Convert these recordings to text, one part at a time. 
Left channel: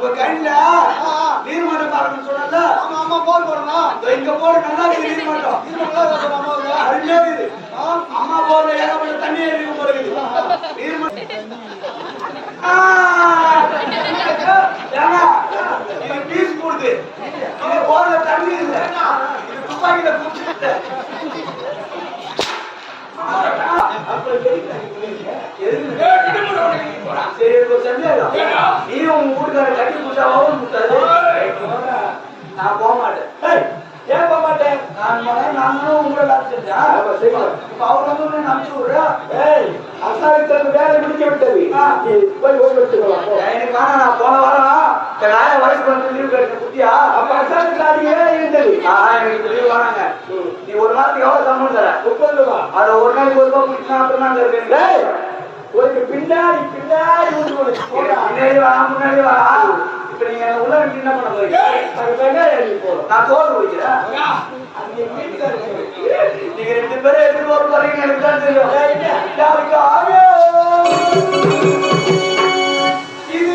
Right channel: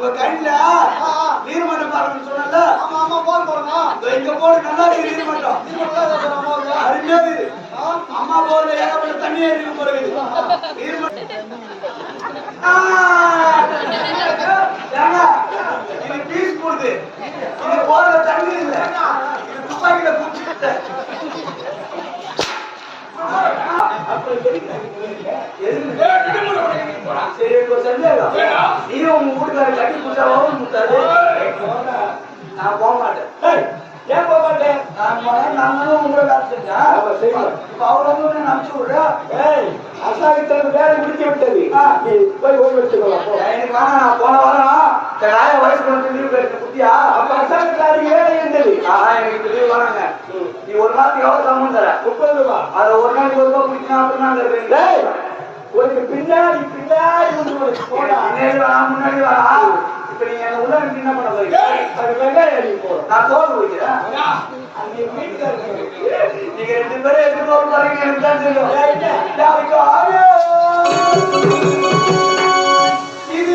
உங்க கண்ணில. நீர்மட்டம் பாருங்கன்னு சொன்னல ஆமா ஆமா போர் போடணும். இங்க போடு நல்லா இருக்குது நீர்மட்டம். இது நல்லா இருக்கு அருமையா இருக்குது? அம்மா போர்ல ஏகப்பட்ட தண்ணி இருக்கும் போல இருக்குது! ஏங்க, இது பீஸ் போடுது இது போர்ல தண்ணி இல்ல. இது துப்பாக்கியில குடிச்சுக்கிட்ட சரி சந்தேகம் நீ உங்க வீட்டுக்காரர் கட்டி கொடுத்தா நான் போக மாட்டேன் ஏன் போக மாட்டேன் நான் மகன் உங்களை வேலை செஞ்சேன் இப்ப அவர் வந்து நம்பிச்சு விடுறா ஏய், வேலை விட்டது நீ போய் ஓய்வு எடுத்துக்கலாம் எனக்கு நான் போன வாரம் என் வந்து லீவ் குட்டியா அப்ப அசாவித்தாரி இருந்தது எனக்கு நாளைக்கு எவ்வளவு சம்பளம் தர? முப்பது ரூபா. அதுல ஒரு நாளைக்கு ஒரு ரூபாய் குடிச்சுனா அப்புறம் நாங்க உனக்கு பின்னாடி பின்னாடி உனக்கு போடா. முன்னாடி வேணாம் இப்ப நீங்க என்ன உள்ள இருந்து என்ன பண்ண போறீங்க? போறோம் நான் அங்கே வீட்டுக்காரர் நீங்க ரெண்டு பேரும் எதிர்பார்த்து போறீங்க எனக்கு தான் தெரியும். யாருக்கு இது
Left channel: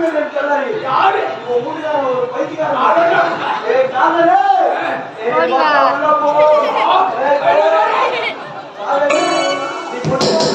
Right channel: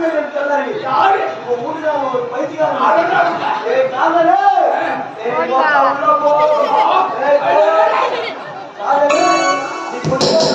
பார்வைகள் கல்லறை யாரு? இப்போ ஊடுதான் ஒரு போ. நீ கொஞ்சம்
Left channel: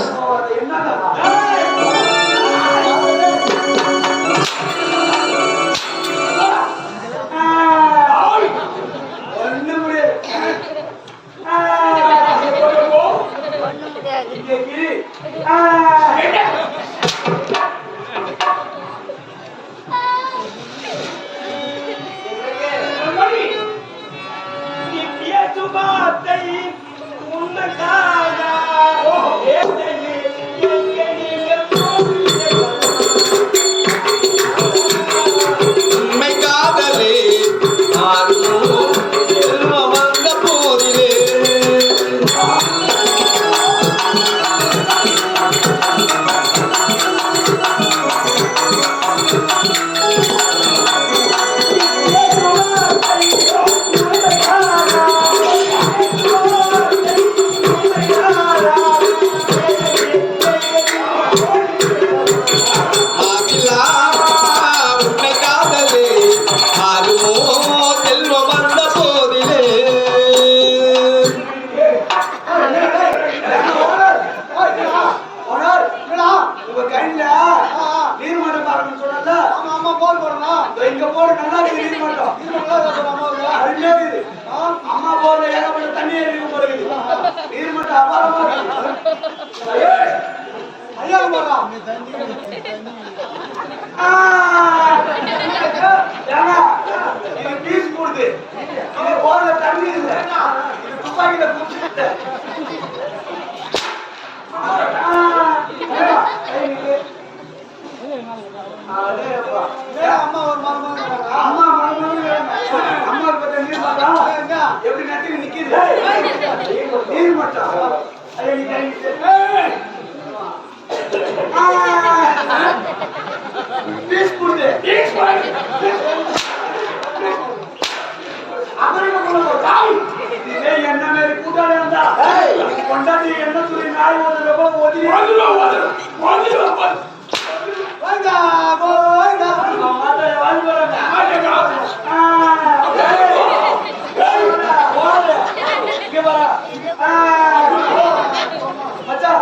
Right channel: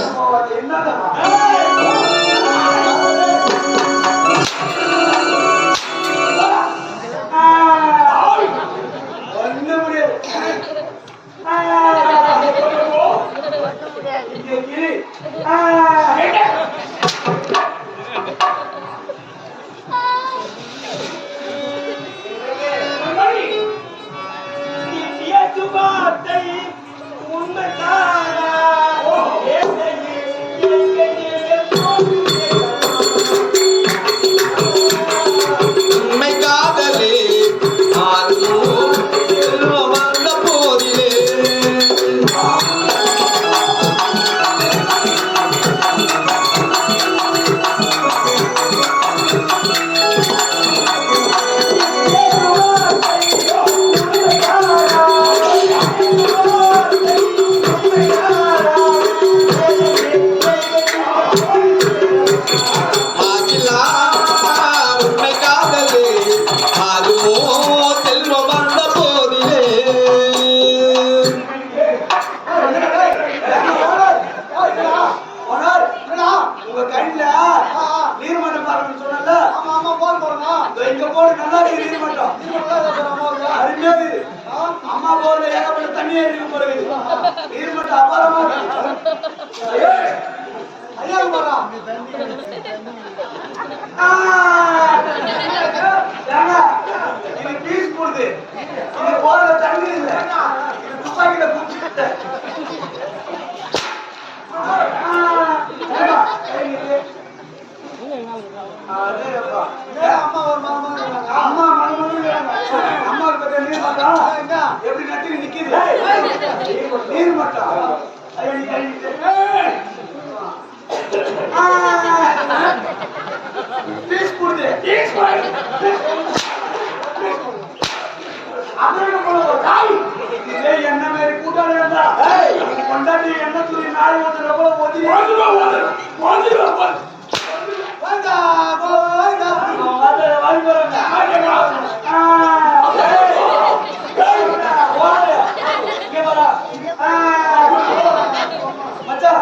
செல்வம் வந்த போதிலே ஓனர் என்னடா? உங்க ஆ, சொன்னல ஆமா ஆமா போர் போடணும் இங்க நல்லா இருக்குது நீர்மட்டம் இது நல்லா இருக்கு ஆ? அம்மா போர்ல ஏகப்பட்ட தண்ணி இருக்கும் போல இருக்குது நீர்மட்டம் அபாரமா இருக்கு ஐயாகுமாரா இது பீஸ் போடுது இது போதுல தண்ணி இல்லை இது துப்பாக்கியில குடிச்சுக்கிட்ட அம்மா ஒரு மருமகள் அம்மா நீர் மாட்டா போற? என்ன மாதிரி கூட்டாளி இருந்தா கொண்டாடி என்ன வாங்கி போறாங்க இங்க மச்சான்.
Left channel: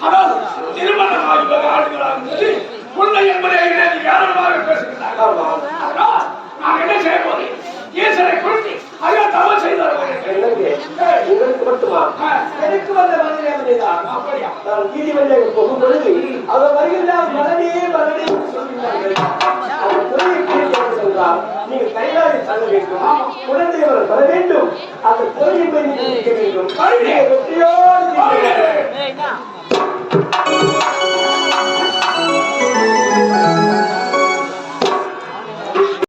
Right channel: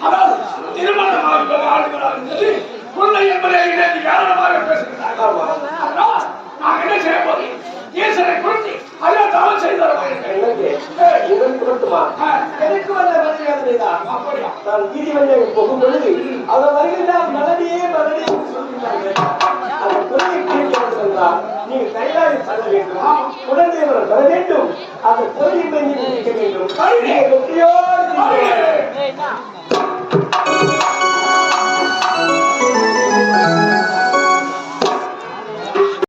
அதாவது திருமணமாக ஆளுகளாக இருந்தது. உண்மை என்பதை அதனால் நான் என்ன செய்ய போகிறேன்? ஈஸ்வரை குறித்து ஐயா தவறு செய்தார் எனக்கு வந்த பதிலே பதில்தான் அப்படியா? நான் நீதிமன்ற போகும் பொழுது அவர் வருகின்றார் மலரே மலரே என்று வேண்டும். குலதேவர் வர வேண்டும். அந்த கோயிலை வேண்டும்.